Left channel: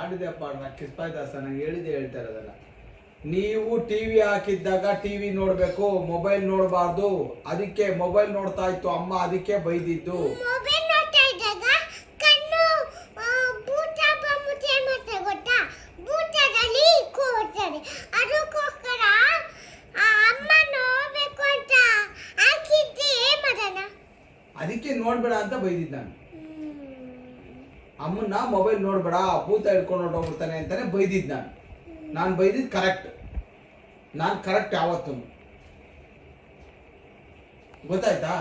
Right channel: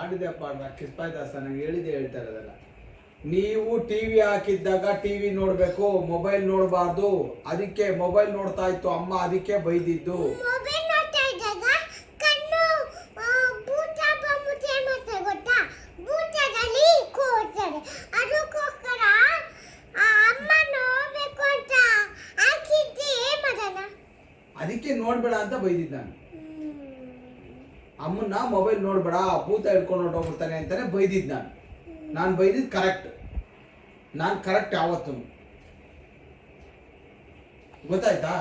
ನನಗೆ ಕಿಸ್ಪಾಯ್ದಾಸ ದಾಸ ನಂಗೆ ಹೇಳಿದೆ ಹೇಳ್ತಾ ಇರೋದಲ್ಲ. ನೀವು ಟಿವಿ ಹಾಕಿದ್ದಾಗ ಟಿವಿ ನೋಡಬೇಕು ಮೊಬೈಲ್ ನೋಡಬಾರ್ದು ಅದಕ್ಕೆ ಮೊಬೈಲ್ ನೋಡ್ತಾ ಇತ್ತು ಅಮ್ಮ ಅದಕ್ಕೆ ಬೈದಿದ್ದು. ಅದಕ್ಕೆ ನೋಡ್ಬೇಡ ಅಂತ ಬೈದಿದ್ದು ನಾನು. ಅಮ್ಮನ್ನ ಮೊಬೈಲ್ ನೋಡ್ಬೇಡ, ಭೂತ ಹಿಡ್ಕೊಂಡು ಹೊರಟೋಗ್ಬಿಡ್ತಾನೆ ಅಂತಾನೆ ಬೈದಿದ್ದು ನಾನು. ನಾನು ಬೈದಿದ್ದು ಕರೆಕ್ಟ್ ನಾನು ಕರೆಕ್ಟ್ ಯಾವತ್ತು. ಗೊತ್ತಾಯ್ತಾ?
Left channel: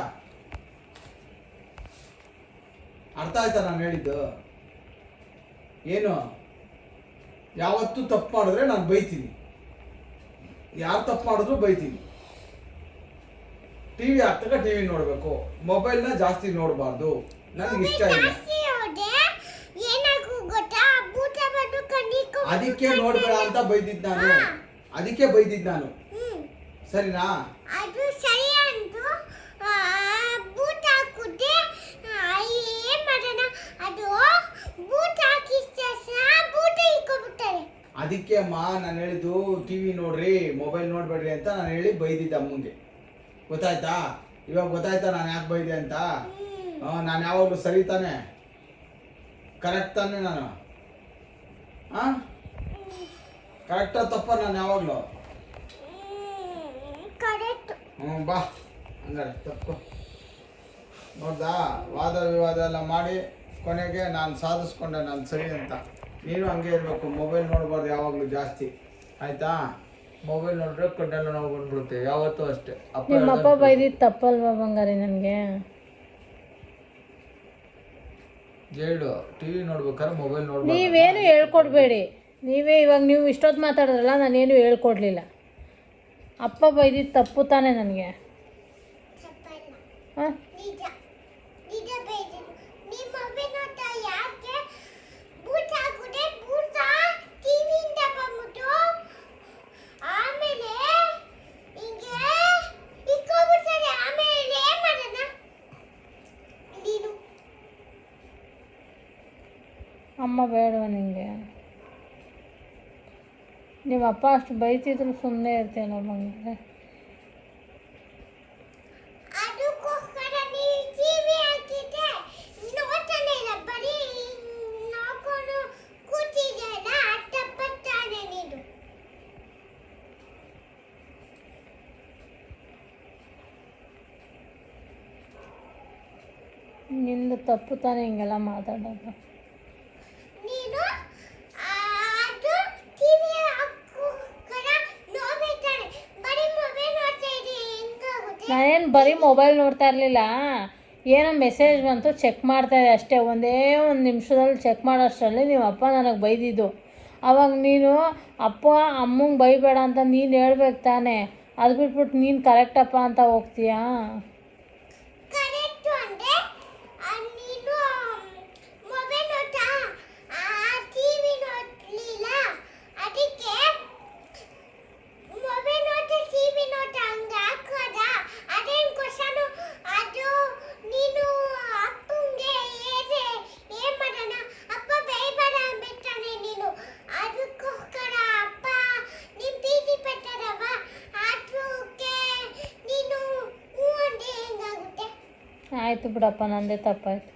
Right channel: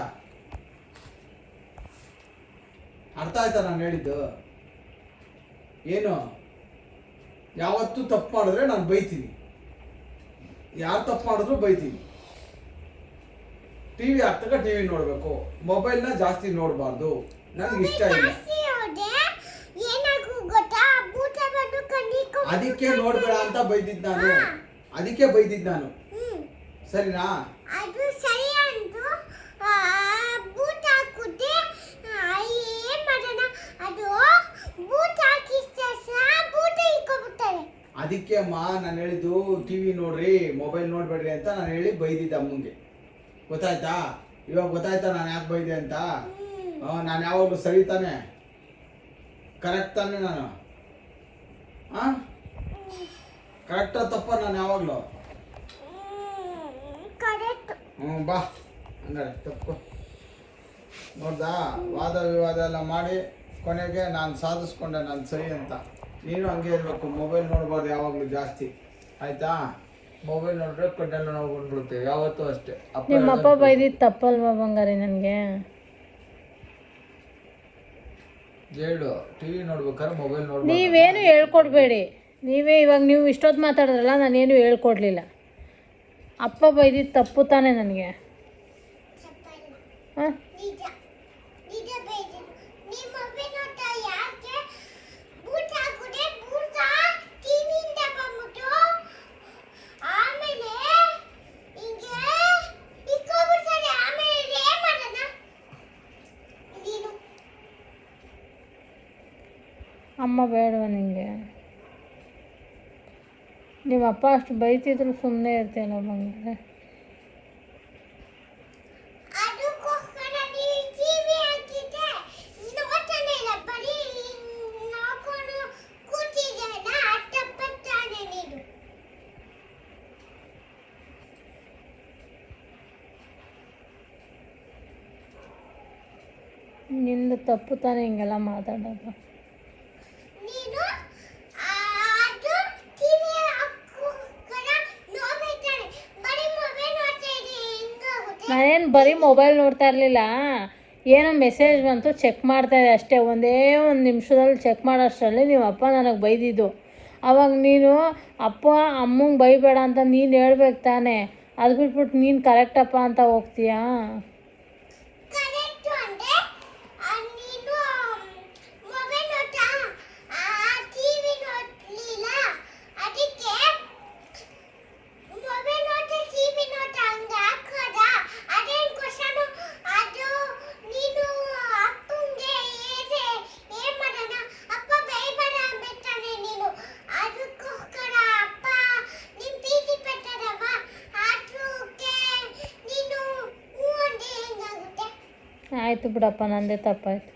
ಅರ್ಥ ಆಯ್ತಾ ನಾನು ಹೇಳಿದ್ದು? ಏನು? ಯಾವತ್ತೂ ತಪ್ಪು ಮಾಡಿದ್ರೆ ನಾನು ಬೈತೀನಿ. ಯಾರು ತಪ್ಪು ಮಾಡಿದ್ರು ಬೈತೀನಿ. ಟಿವಿ ಟಿ ವಿ ನೋಡಬೇಕು. ಮೊಬೈಲ್ನ ಜಾಸ್ತಿ ನೋಡಬಾರ್ದು. ನನಗೆ ಇಷ್ಟ ಇಲ್ಲ ಜಾಸ್ತಿ ಹೋದೆ ಏನಾಗೂ ಗೊತ್ತಾ ಭೂತ ಬಂದು ಕಣ್ಣಿಗೆ ಅದಕ್ಕೆ ನೋಡ್ಬೇಡ ಅಂತ ಬೈದಿದ್ ನಾನು. ಅದಕ್ಕೆ ಬೈದಿದ್ ನಾನು. ಸರಿನಾ? ಅದು ಸರಿ ಅಂತು ಆ, ಬೂಟ್ ಹಾಕುತ್ತೆ ಆ, ಏನ್ ಮಾಡೋಣ? ಅದು ಬೂಟ್ ಬೂಟ್ ಅದಕ್ಕೆ ಅಮ್ಮ ನಾನು ಹೇಳಿದ್ದು ಟಿವಿ ನೋಡ್ರಿ ಮೊಬೈಲ್ ನೋಡ್ಬೇಡ್ರಿ ಅಂತ ನಾನು ಹೇಳಿ ಬೈದಿದ್ದೆ ಅಮ್ಮಂಗೆ. ಗೊತ್ತಾಯ್ತಾ? ಇವಾಗ ಗೊತ್ತಾಯ್ತಾ ನಾನು ಯಾಕೆ ಬೈದೆ ಅಂತ? ನಾನು ಯಾವಾಗಲೂ ಸರಿ ತಾನೆ? ಕರೆಕ್ಟ್ ತಾನೆ ನಾನು? ಹಾಂ ಕರೆಕ್ಟ ತಪ್ಪ ನಾನು ಯಾವಾಗಲೂ ಕರೆಕ್ಟ್ ಹ್ಞೂ ಬಾ. ಹಂಗಾರೆ ತಪ್ಪು. ನೋಡ್ದಾ? ವಾದ ವಿವಾದ ಎಲ್ಲ ಮಾಡಿ ಕೊನೆಗೆ ನಾನು ಸಾಧಿಸ್ಕೊಂಡೆ ನಾನು ಸರಿ ಅಂತ. ನೀನು ಹಂಗೆ ಇರಬೇಕು. ಮೊಬೈಲ್ ನೋಡ್ಬಾರ್ದು ಯಾವಾಗಲೂ ಜಾಸ್ತಿ. ಆಯ್ತಾ? ಮೊಬೈಲ್ ನೋಡಿದ್ರೆ ಕಣ್ಣೆಲ್ಲ ನೋವು ಬಂದ್ಬಿಡುತ್ತೆ. ಯಾವತ್ತೂ ಅಷ್ಟೇ. ಅಪ್ಪ ನಿಮ್ಮಪ್ಪ ಹೇಳ್ದಂಗೆ ಬೈದಿದ್ದು ತಪ್ಪಲ್ವಾ ಬಂಗಾರಿ ನನಗೆ? ಹೇಳು. ಟಿವಿ ನೋಡ್ಬೇಕಾದ್ರೆ ಮೊಬೈಲ್ ನೋಡ್ಬೇಕು ನೀವೇನು ಹೇಳ್ಕೊಡ್ಬೇಡಿ. ನೀವೇ ಇವಾಗ ನೀವು ಇಷ್ಟೊತ್ತು ಮಾತಾಡಿದ್ರಲ್ಲ ನಾನೇನು ಹೇಳ್ಕೊಡ್ಲಿಲ್ಲ. ಅಪ್ಪ ಬೈದಿದ್ದು ತಪ್ಪು ತಾನೇ ನನಗೆ. ಹಾಂ? ಅಮ್ಮ ಬೇಡವ ನಿಂಗೆ? ನಿಮ್ಮ ಅಪ್ಪ ಅಷ್ಟು ಬೈತಿದ್ರು ಸುಮ್ಮನೆ ಇರ್ತೇನೋ ನೀನು. ನಿಂದು ತಪ್ಪು ತಾನೇ ಹಿಂಗೆಲ್ಲ ಮಾತಾಡೋದು ನೀನು ಆ, ಅದು ಟಿವಿ ಹಾಕೋಸ್ಕರ ನೋಡ್ಬೇಕಾನೆ ಬರೀ ಮೊಬೈಲ್ ನೋಡ್ತಾ ಇದ್ರೆ ಹೆಂಗಾಗುತ್ತೆ ನಾನೇನು ಬರೀ ಮೊಬೈಲ್ ನೋಡ್ತಾ ಇರಲಿಲ್ಲ. ಏನೋ ಮೆಸೇಜ್ ಬಂತು ಚೆಕ್ ಮಾಡ್ತಾ ಇದೆ ಅಷ್ಟೇ. ಒಂದೇ ಒಂದು ನಿಮಿಷದಲ್ಲಿ ಚೆಕ್ ಮಾಡೋಷ್ಟರಲ್ಲಿ ನಿಮ್ಮ ಅಪ್ಪ ನನಗೆ ಬೈದಿದ್ದು. ಅವಾಗ ನೀನು, ಅಪ್ಪ, ಅಮ್ಮಂಗೆ ಬೈಬೇಡ ಅಂತ ನೀನು ಹೇಳ್ಬೇಕು ತಾನೇ. ಅದು ಬಿಟ್ಬಿಟ್ಟು ನೀನು ಕರೆಕ್ಟಪ್ಪ ಅಂತ ಹೋಗ್ತೀಯಾ ಕರೆಕ್ಟ್ ಅಂದ್ರೆ ಆ, ನೀನು ಮೊಬೈಲ್ ನೋಡ್ತಾ ಟಿವಿ ನೋಡ್ಲಿಲ್ಲ ಅದಕ್ಕೆ ಮೊಬೈಲ್ ನೋಡ್ತಾ ಟಿವಿ ನೋಡ್ತಾ ಹಂಗ ಹಾಕೋದ ಅದೇನ್ ಕ್ವಶನ್ ಅದು ನೀನು ಅಪ್ಪಂಗೆ ಏನೇ ಏನ್ ಮಾಡೋಣ ಅಪ್ಪ ಬೈಬೇಡ ಅಂಬಿಡ್ತಾನೆ ನೀನು ಅದಕ್ಕೋಸ್ಕರ ಅಪ್ಪ ನೀನ್ ಪ್ರೀತಿ ಪಟ್ಟದವ ಅದಕ್ಕೆ ನೀನು ಹ್ಞೂ ಅಂದ್ರೆ ಹೆಂಗಾಗುತ್ತೆ ಆಯಿತು ಬಿಡಪ್ಪ ನಂದೇ ತಪ್ಪಾಯ್ತು.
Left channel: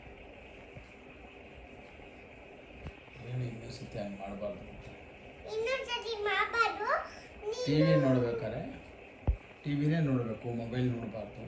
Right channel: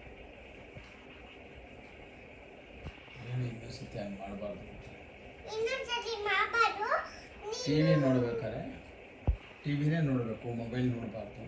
ಟಿ ವಿ ನೋಡ್ಬೇಕಾದ್ರೆ ಟಿವಿನೇ ನೋಡಬೇಕು ಮೊಬೈಲ್ ನೋಡಬಾರ್ದು.